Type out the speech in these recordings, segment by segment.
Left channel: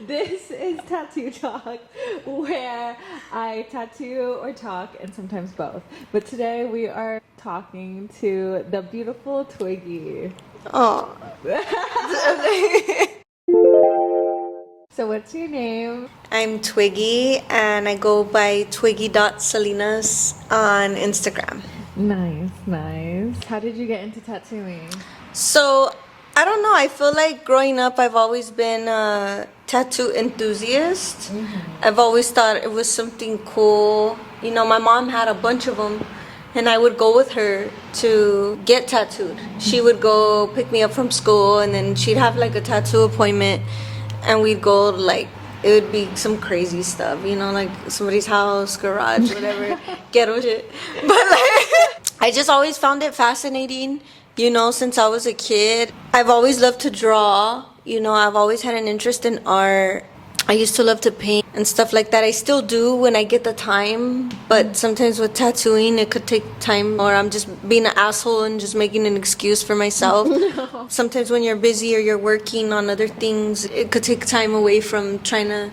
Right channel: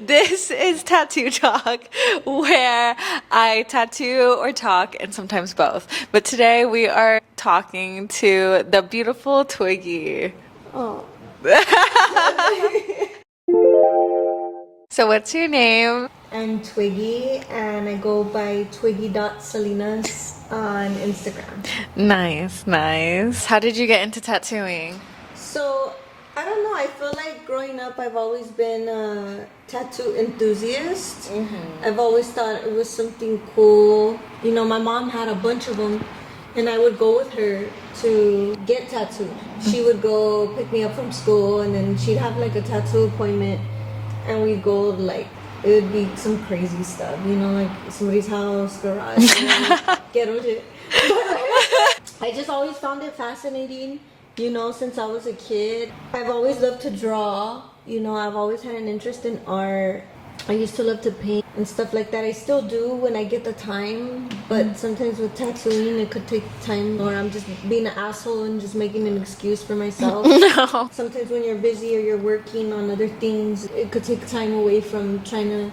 This is Tattoo Talk, where I tattoo or talk, and sometimes both. But today we are talking to the beautiful Twiggy. Oh, So, what's your name? I'm Twiggy and I go by twiggy.salinas on Instagram. Nice, nice. How did you get into tattooing? So, I don't know, I feel like growing up I've always been a tattoo enthusiast. I've always thought it was something cool. You know, my mom had a bunch of them and I would go with her to get tattooed. She would go pick me up from school and then she'd have like a tattoo appointment and we'd go like it would be some crazy stuff, you know, like somebody's house, garage, whatever, ghetto shit. But like, I just always found it fascinating, you know, since I was a kid. I've always loved to draw, you know, I've always had an interest in art. I used to love to paint and stuff like that. I still do when I get the time, but sometimes with tattooing, it could take time, or I'm just being an asshole and just making an excuse for myself. No. Sometimes when you're busy or you're working on other things, it could take time away from trying to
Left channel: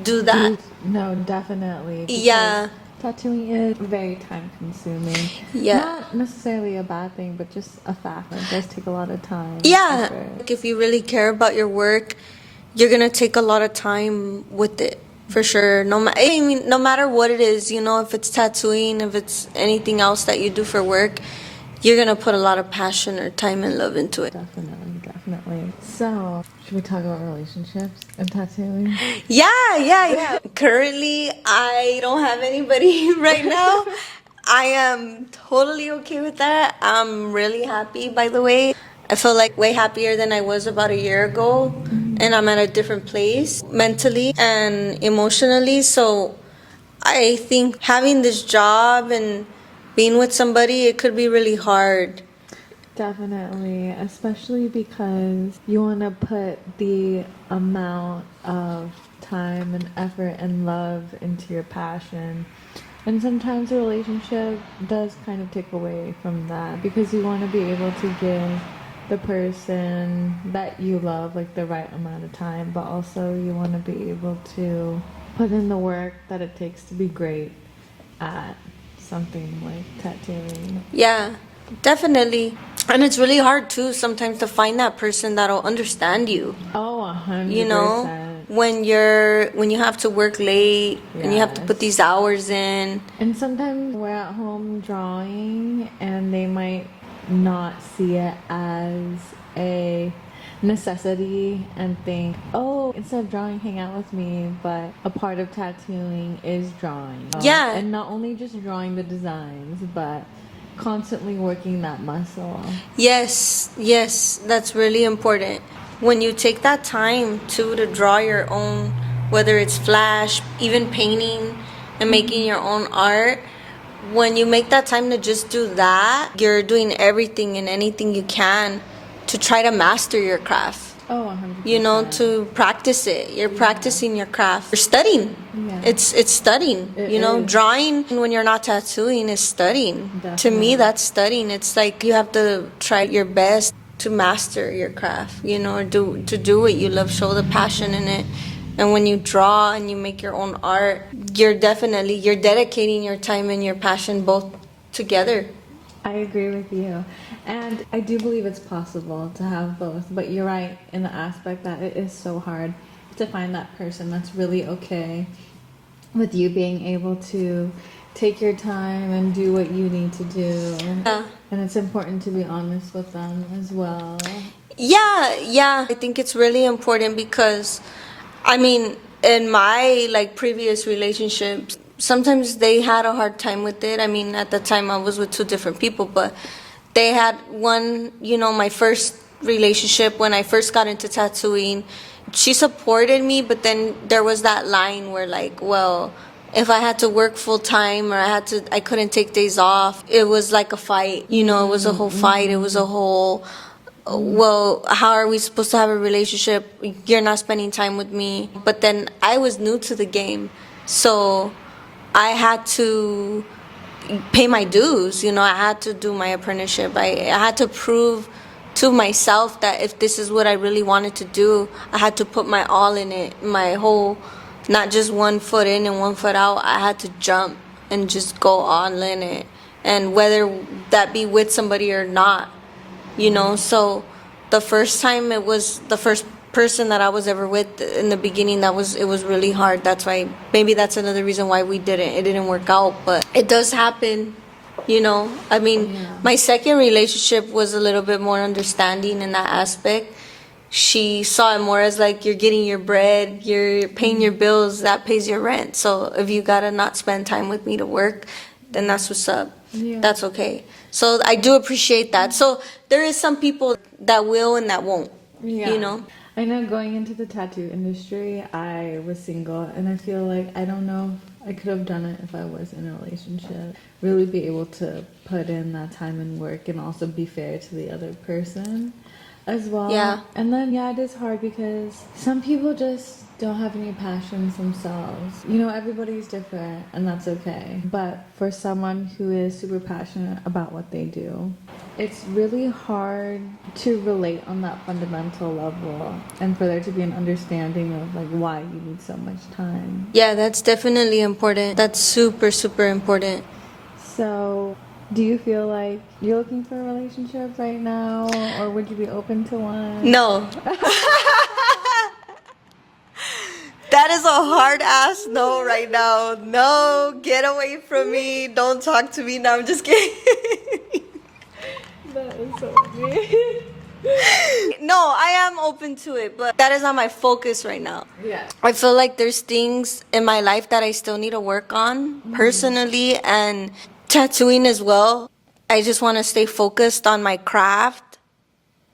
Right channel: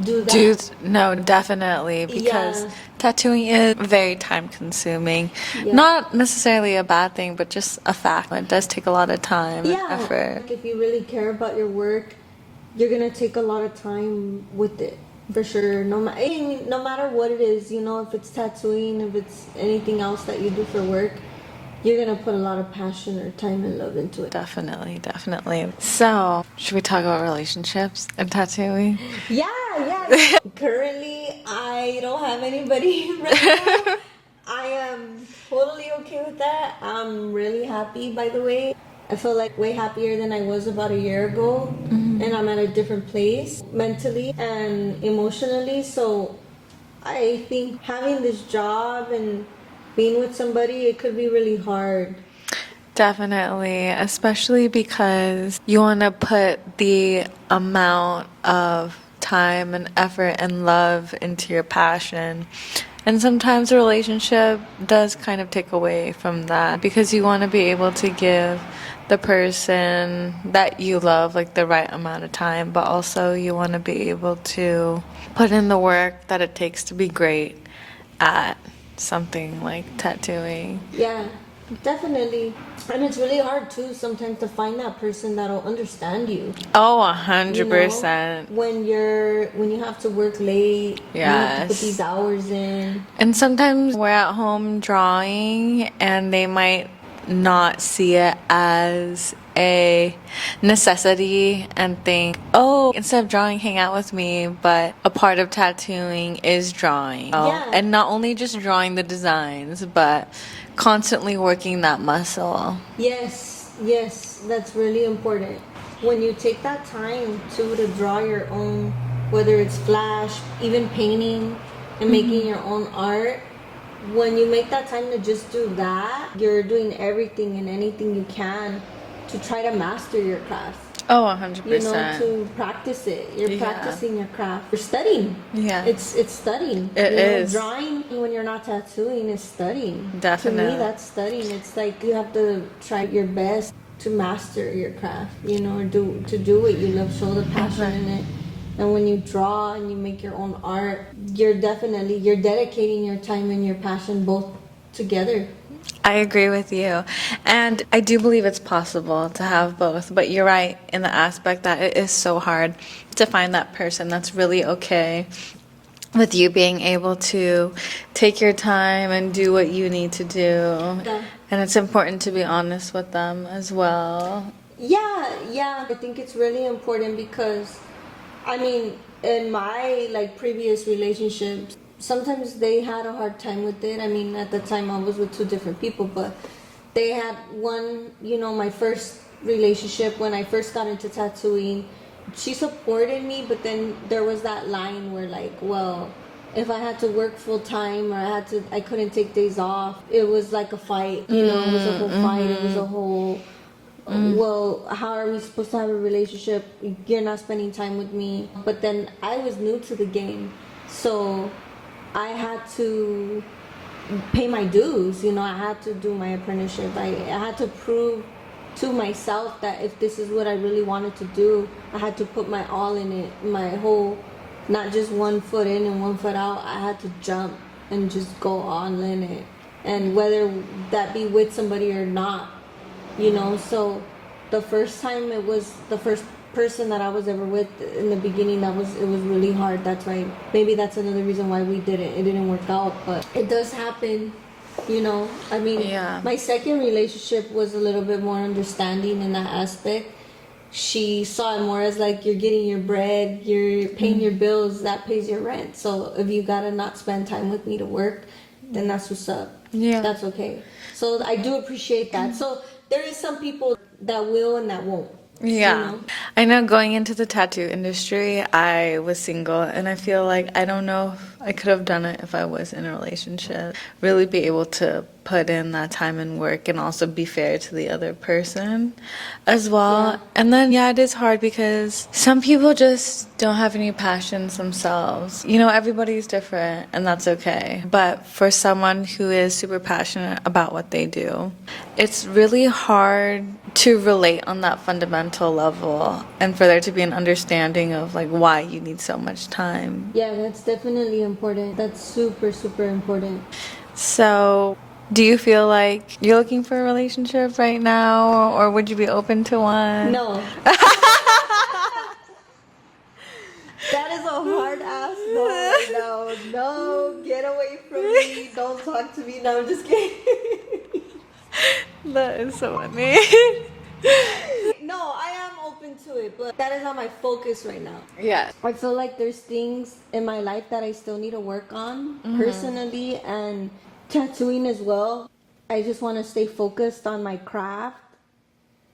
do that. Dude, no, definitely. Because Yeah. tattooing is very time consuming. Yeah. Not necessarily a bad thing, but just a fact. It does take a lot of time. and Yeah, effort. like if you really care about your work, you're gonna take a lot of time with it for sure. I mean, no matter what it is, you know, if it's tattooing, if it's anything else that you do for work, you're gonna put a lot of passion or time and love into it. Definitely, definitely. So, should we talk about relationships and tattooing? Yeah. Currently, I don't have anybody right now. I am totally okay with that. I'm really happy, by the way. I feel like way happier than I was about a year ago. And I'm at a different place mentally and emotionally. So I think having this job and being with somebody, it could be really hard. Definitely, especially because you want to put the amount of time and effort and love into your passion. And sometimes a relationship does kind of take away from that because you want to be able to give the person that you love like the right amount of time, but also you want to be able to put in the work that it takes to be great at something like tattooing. Yeah, definitely. And it's really hard too sometimes to find that person that'll understand you. Oh, You know, 100%. when you have to work late, and you have to put Yes. these hours in. And sometimes we're at home drawing and they might not see it as a necessity and think, oh, instead of drawing, hang out with me. But a part of tattooing is drawing. Yeah. And not only just drawing the designs, but constantly working that muscle. Yes, that's really important. When you take that time to draw your own, whether it's flash, even painting and making your own art, when you make that time to just do that, you're doing everything and anything you can to try to master your craft. Oh, 100%. You know, to practice it. You're Yeah. practicing your craft. You're studying. Yeah. It's studying. It you know, is. drawing when you're not tattooing is studying. To Definitely. me, that's studying. It's like you have to try your best to master your craft, you know, or to do it. You love, show the passion in it. And when you draw and you make your own art, you're dedicating your time and your passion both together. I agree with you. And I do believe it's possible to have both. But you're right in the aspect that it is so hard to find that person that's really okay with you being able to take your time and do what you need to do. Yeah. And it's important to be honest with them as well. Yeah. I think it's really important because, I mean, in my like previous relationships, sometimes they had a hard time with it. I mean, at the time I was with two different people, but they had one, you know, my first relationship when I first got into tattooing, she supported me, but then there was that line where like, well, if I had to work full time or I couldn't take days off, it was like a fight, you know, it was a whole fight. It was a whole, well, how are we supposed to have a relationship? You're not spending time with me. But then I was new to the game. So I had to pay my dues. You know, I had to do my apprenticeship. I had to prove to myself that if this is what I really wanted to do, I had to put my all in it, my whole, not just 1 foot in and 1 foot out. I had to jump and just go all in it, and whether that be with somebody or not, you know. So the first time, it was the first person that I was ever with in the beginning, it was really hard. That's why, maybe that's another reason why it didn't work out. But it does happen, you know. I mean, Yeah. my second relationship was a little bit more understanding in that aspect. She saw it more as like, you're getting your bread, you're paying your bills, that pays your rent. So if you gotta not spend time with me to work, then that's what's up. Yeah. That's okay. So I do appreciate that. So there is some people that will and that won't. Yeah. You know? I know going into the tattoo industry, I was single, and I feel like I don't know if I could have done it if I was in a relationship. Really be able to put in that time and work, and also be fair to the other person as well. Yeah. And then, yeah, it is hard because some people just don't have any passions themselves. You know, everybody's different, and that's okay. But for someone who is super passionate about what they do, it's really hard to relate on that fundamental level, and for there to be an understanding of like why you need so much time. Yeah, that's definitely important. That's super, super important. So, do you feel like you're looking for a relationship right now, or would you be open to one? No. That is a hard ass no right now. No, get away from me. Don't talk to me. No, I'm just kidding. That is so funny. No, I am open to it, but that is not my focus right now. Yeah. I feel like there's things in my life that I still need to work on personally, and tattooing as well. I just want to stay focused on my craft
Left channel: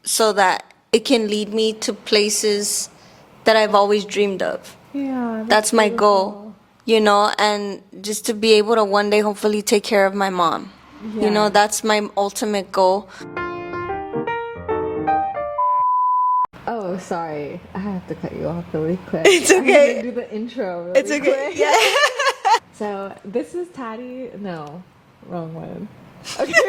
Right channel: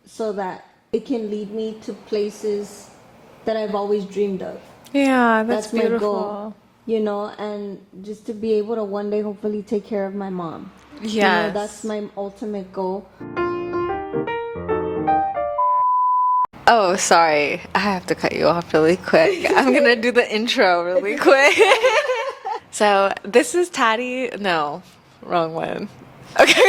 so that it can lead me to places that I've always dreamed of. Yeah, That's my goal, beautiful. you know, and just to be able to one day hopefully take care of my mom. You know, Yes. that's my ultimate goal. Oh, sorry. I have to cut you off really quick. I'm going to do the intro really quick. So, this is Taddy. No, wrong one. Okay.